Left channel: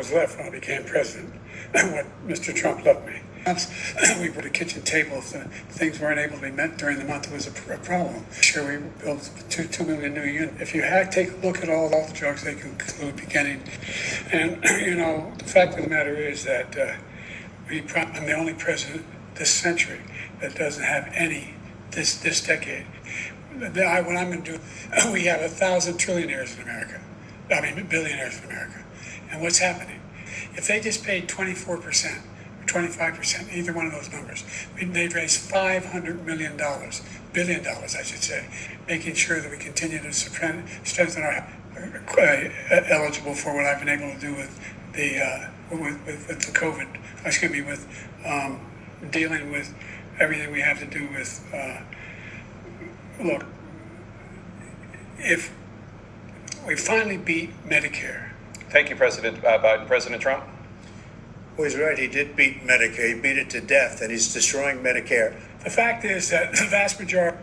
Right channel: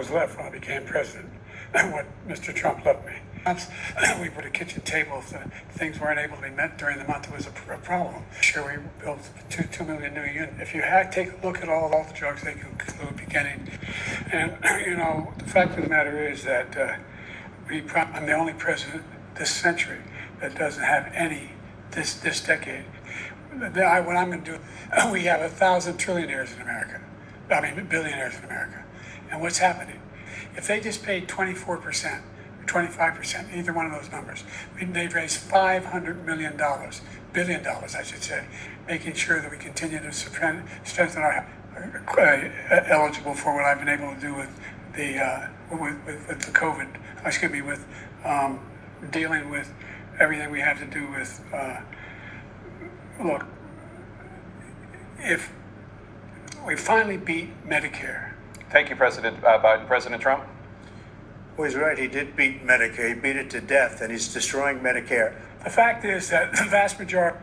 was left when I became president, what Mr. Trump left me. We put a kitchen table if the things weren't able to be met during the month. It was a problem. Sure, we built 2 million new units. If you take a look at all the drugs they can include beginning, and the fact of the matter is that I'm the only president this century that doesn't have any this decade. What I'm going to do, we have 1,000 trillionaires in America. Billionaires in America. And what's happening? If they just paid 24%, 25%, either one of those numbers, they'd raise $500 billion, I should say, making sure that we continue to strengthen our eligible for what I've been able to do with the COVID. With dealing with everything we have to do with. Look, if we finally beat Medicare. Thank you, President Biden. President Trump? Well, he's right. He did beat Medicare. He beat it to death, and he's destroying Medicare. The fact is that the vast majority,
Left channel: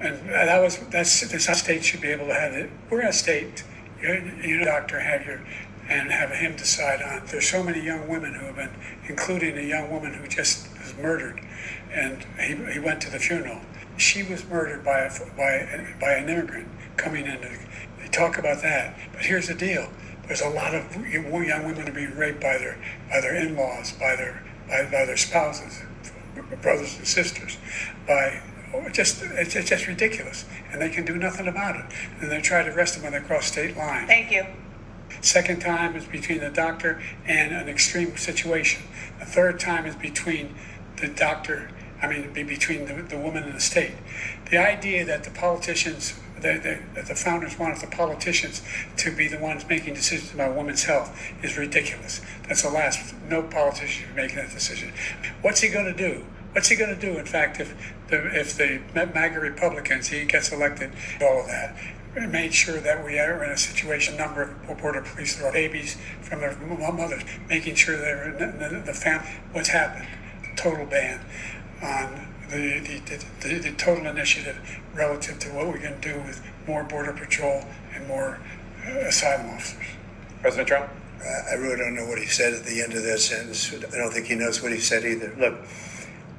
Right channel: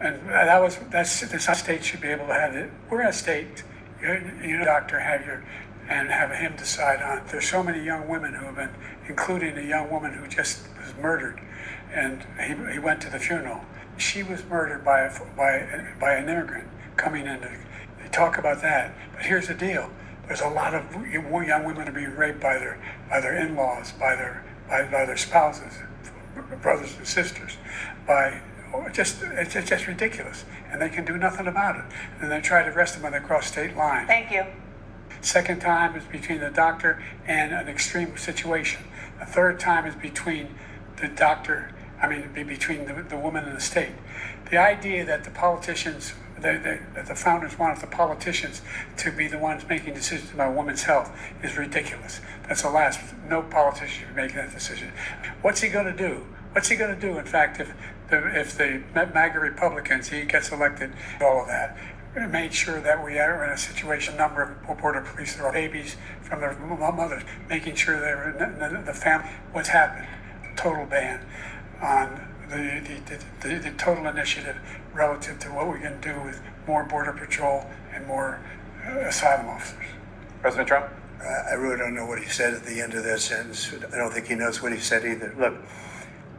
and the state should be able to have it. We're a state, doctor and have him decide on. There's so many young women who have been, including a young woman who just was murdered, and he went to the funeral. She was murdered by an immigrant coming in. They talk about that, but here's the deal. There's a lot of young women being raped by their in-laws, by their spouses, brothers and sisters. It's just ridiculous, and they can do nothing about it. And they try to arrest them when they cross state lines. Thank you. Second time is between the doctor and an extreme situation. The third time is between the doctor. Between the woman and the state. The idea that the politicians, that the founders wanted the politicians to be the ones making decisions about women's health is ridiculous. That's the last. No politician is making that decision. What's he going to do? What's he going to do? In fact, if the MAGA Republicans, he gets elected, all of that, made sure that we are in a situation, number of border police, there are babies from their mothers, making sure they're in the family. What's happened? Total ban on the total initiative relative to what we can do with more border patrol and more asylum officers. President Trump? I really don't know what he said at the end of that sentence. I don't think he knows what he said either. Look,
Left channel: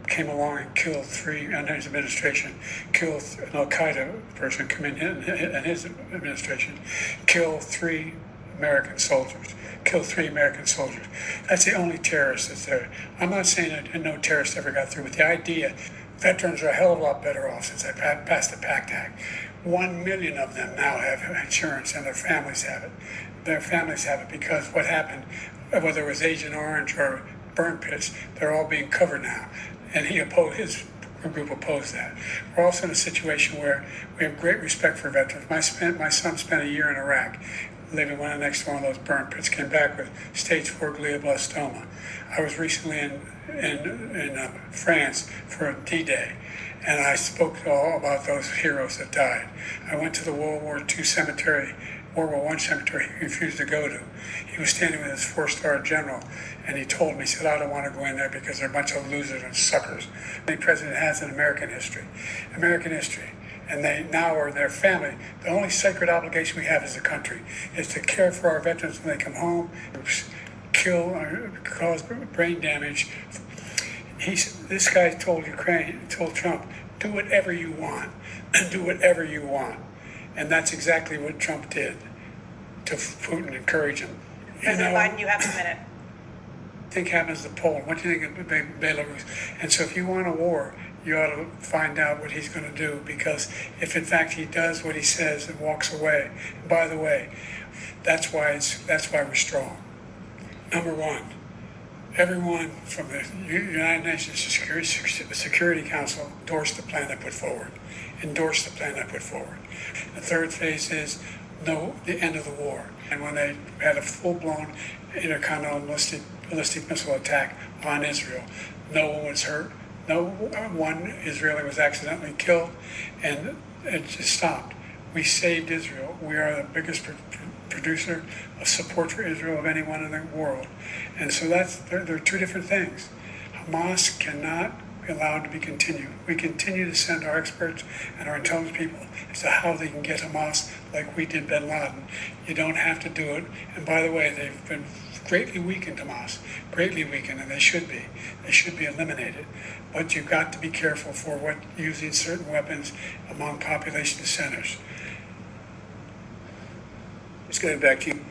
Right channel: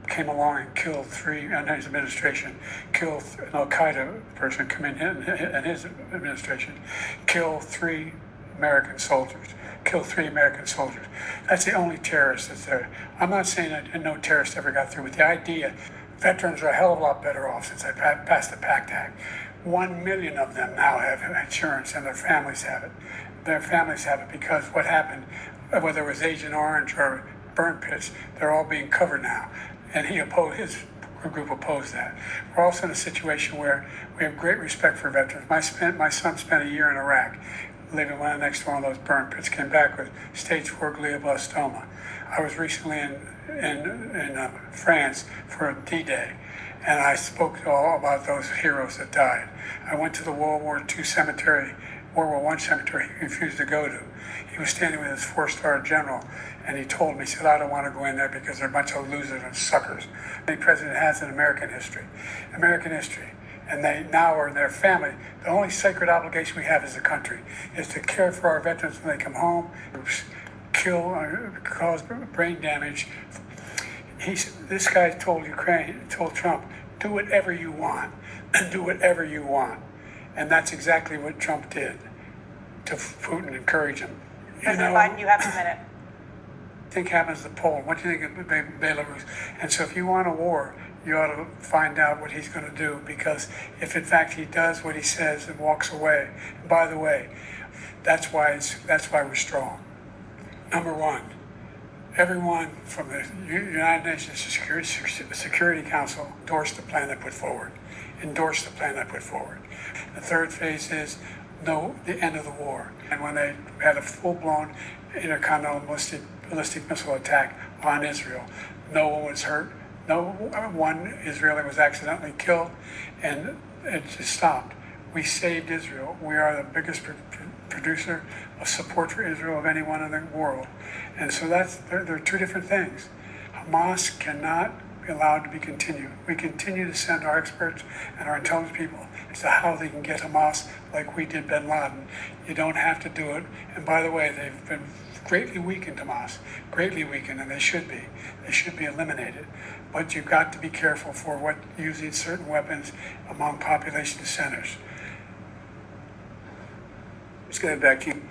came along and killed and his administration killed an Al-Qaeda person come in his administration, killed 3 American soldiers. That's the only terrorist that's there. I'm not saying that no terrorist ever got through, but the idea, veterans are a hell of a lot better off since I passed the PACT Act. 1 million of them now have insurance, and their families have it. Their families have it because what happened, whether it was Agent Orange or burn pits, they're all being covered now. And his group opposed that. We're also in a situation where we have great respect for veterans. My son spent a year in Iraq, living next to one of those burn pits, came back with stage 4 glioblastoma. I was recently in France for D-Day, and I spoke all about those heroes that died. I went to the World War I cemetery he refused to go to. He was standing with his 4-star general, and he told me, he said, I don't want to go in there because they're a bunch of losers and suckers. The president has in American history. And they now are their family. The only sacred obligation we have as a country is to care for our veterans when they come home, kill or cause brain damage. This guy told Trump, do whatever you want, do whatever you want. And that's exactly what Trump did to Putin, encourage him. President Biden, you have a minute. Think happens to Poland? What do you think of Belarus? And so if you want a war, you ought to find out what he's going to do, because if in fact he does what he says and walks away, by the way, that's why we're strong. Number one, everyone from the United Nations Security Council endorsed the plan I put forward. The third phase is the end of the war. And when they had a full-blown intercontinental ballistic missile attack on Israel, no one was hurt. No one Israeli was accidentally killed, and it just stopped. We saved Israel. We are the biggest producer of support for Israel of anyone in the world. And so there are 2 different things. Hamas cannot be allowed to be continued. We continue to send our experts and our intelligence people as to how they can get Hamas like we did bin Laden. You don't have to do it. And by the way, they've been greatly weakened, Tomas, greatly weakened, and they should be. They should be eliminated. But you've got to be careful for what using certain weapons among population centers. Just getting back to you.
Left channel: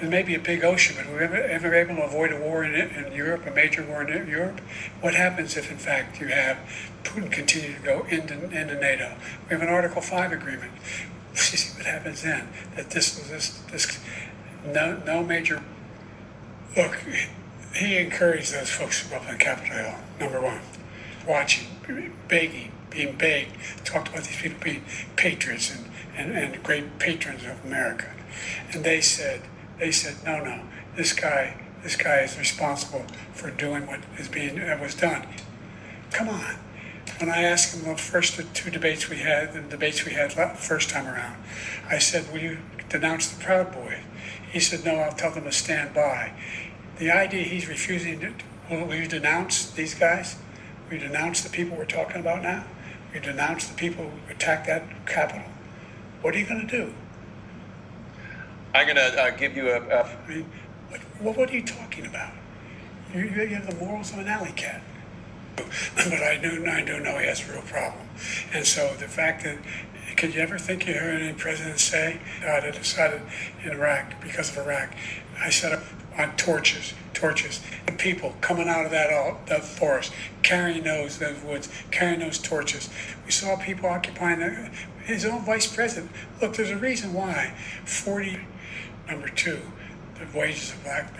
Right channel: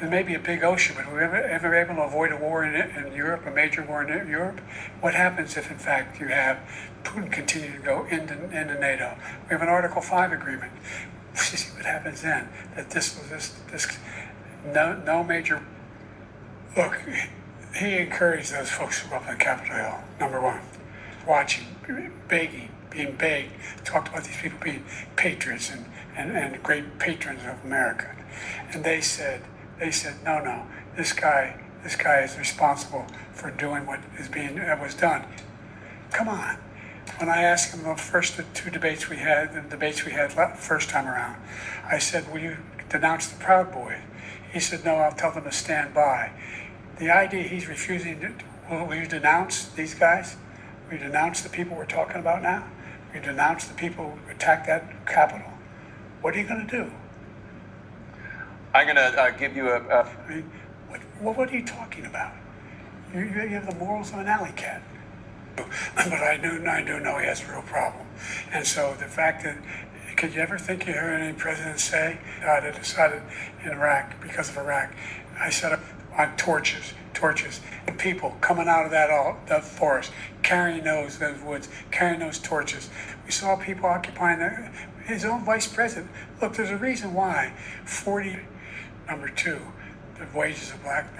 There may be a big ocean, but were we ever able to avoid a war in Europe, a major war in Europe? What happens if, in fact, you have Putin continue to go into NATO? We have an Article 5 agreement. See what happens then. That no major. Look, he encouraged those folks from up on Capitol Hill. Number one, watching, begging, being begged, talked about these people being patriots and great patrons of America, and they said, no, this guy is responsible for doing what was done. Come on. When I asked him the first two debates we had, the first time around, I said, will you denounce the Proud Boy? He said, no, I'll tell them to stand by. The idea he's refusing, will you denounce these guys? Will you denounce the people we're talking about now? Will you denounce the people who attacked that Capitol? What are you going to do? I'm going to give you I mean, what are you talking about? You have the morals of an alley cat. But I do know he has a real problem. And so the fact that, could you ever think you heard any president say, God had decided in Iraq, because of Iraq, I set up on torches, people coming out of that forest, carrying those woods, carrying those torches. We saw people occupying his own vice president. Look, there's a reason why 40, number two, the wages of black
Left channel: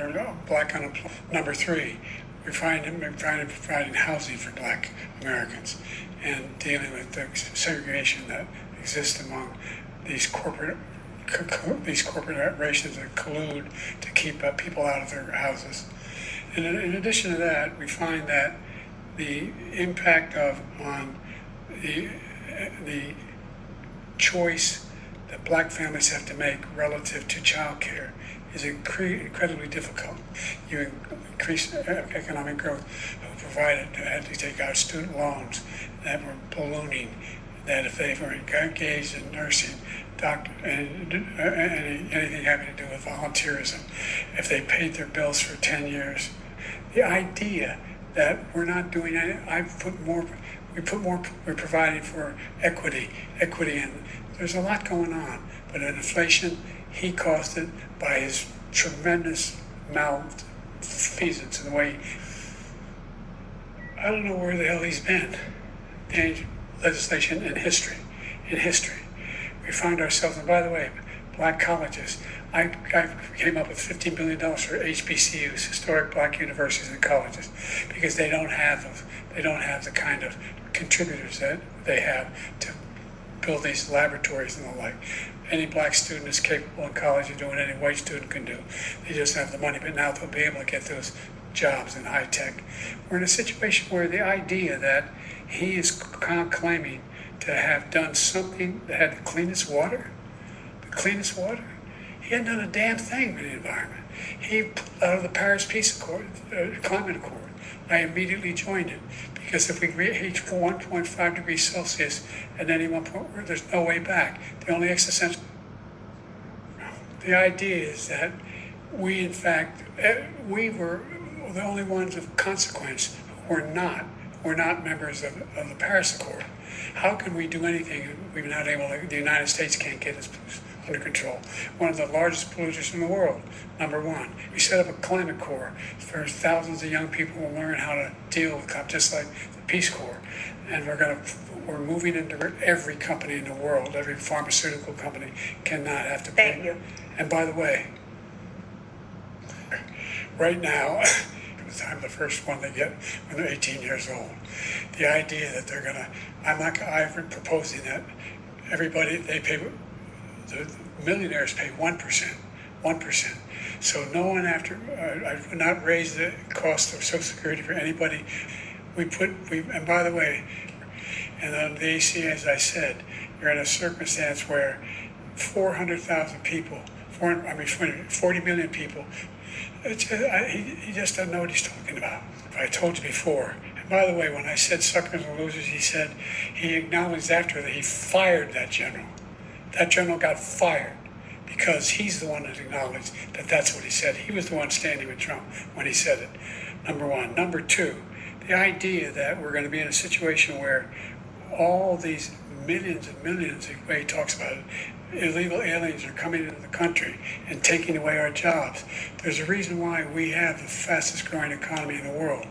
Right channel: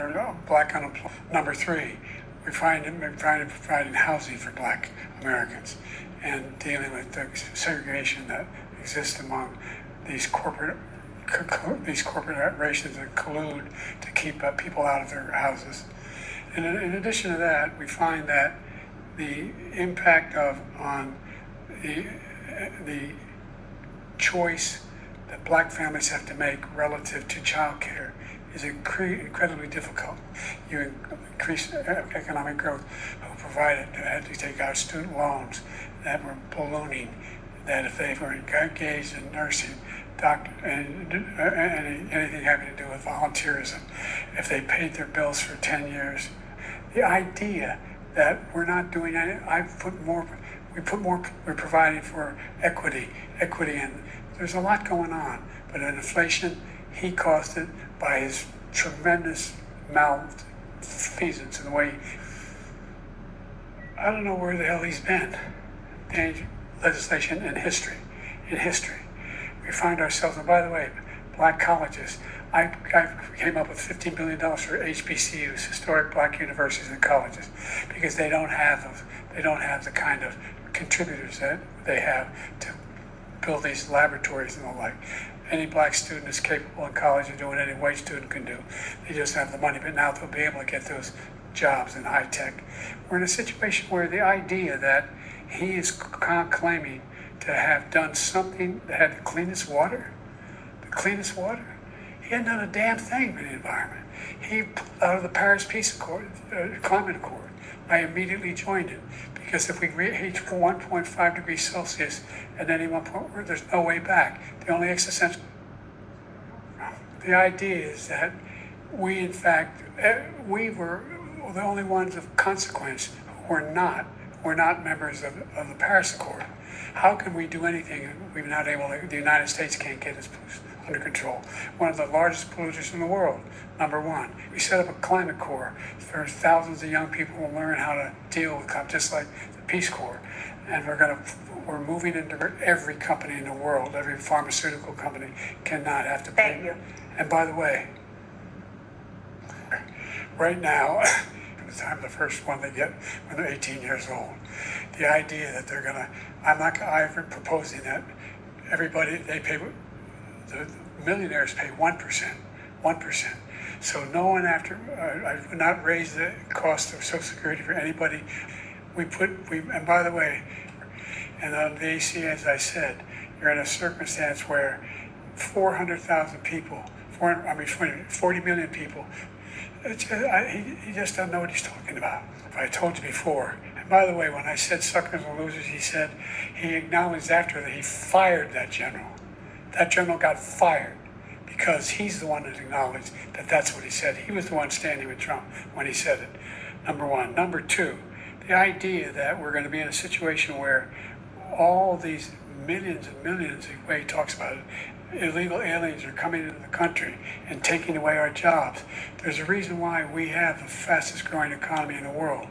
unemployment. Number three, we're providing housing for black Americans and dealing with the segregation that exists among these corporations that collude to keep people out of their houses. And in addition to that, we find that the impact on the choice that black families have to make relative to child care is incredibly difficult. You increase economic growth, who provided had to take out student loans that were ballooning, that if they were engaged in nursing, doctor, and anything having to do with volunteerism, if they paid their bills for 10 years, the idea that we're not doing any, we're providing for equity, and there's a lot going on, but in inflation, he caused it by his tremendous malfeasance in the way. I don't know where the hell he's been. In legislation and history. We find ourselves, and by the way, black colleges. I came up with $15 billion for HBCUs, historic black universities and colleges, because they don't have the kind of contributors that they have to build these laboratories and the like. Any black student is capable in college of doing any white student can do. They just have the money, but now they'll be able to get those jobs in high tech. We're in a situation where the idea that he is claiming to have done something that had the cleanest water, he hadn't done a damn thing in the environment. He, out of the Paris Peace Accord, Climate Accord, I immediately joined it, because if we reach 1.5 degrees Celsius at any one point, there's no way back. The only existential. The idea is that we, in fact, we were the only ones of consequence who were not members of the Paris Accord. How can we do anything? We're not able to, the United States can't get us under control. One of the largest polluters in the world, number one. We set up a climate corps where thousands of young people will learn how to deal with just like the Peace Corps. And we're moving into every company in the world, every pharmaceutical company cannot have to pay. Thank you. And by the way, right now, I'm the first one they get when they're 18 years old. The idea that they're gonna, I've been proposing that everybody, the millionaires pay 1%. So no one I've not raised the cost of Social Security for anybody. And by the way, and on the AC, as I said, you're in a circumstance where 400,000 people, 40 million people, he just doesn't know what he's talking about. I told you before. And by the way, when I said suckers and losers, he acknowledged after that he fired that general. That general got fired because he's the one that acknowledged that that's what he said. He was the one standing with Trump when he said it, number one. Number two, the idea that we're going to be in a situation where all these millions and millions, the way he talks about it, illegal aliens are coming into the country and taking away our jobs. There's a reason why we have the fastest growing economy in the world.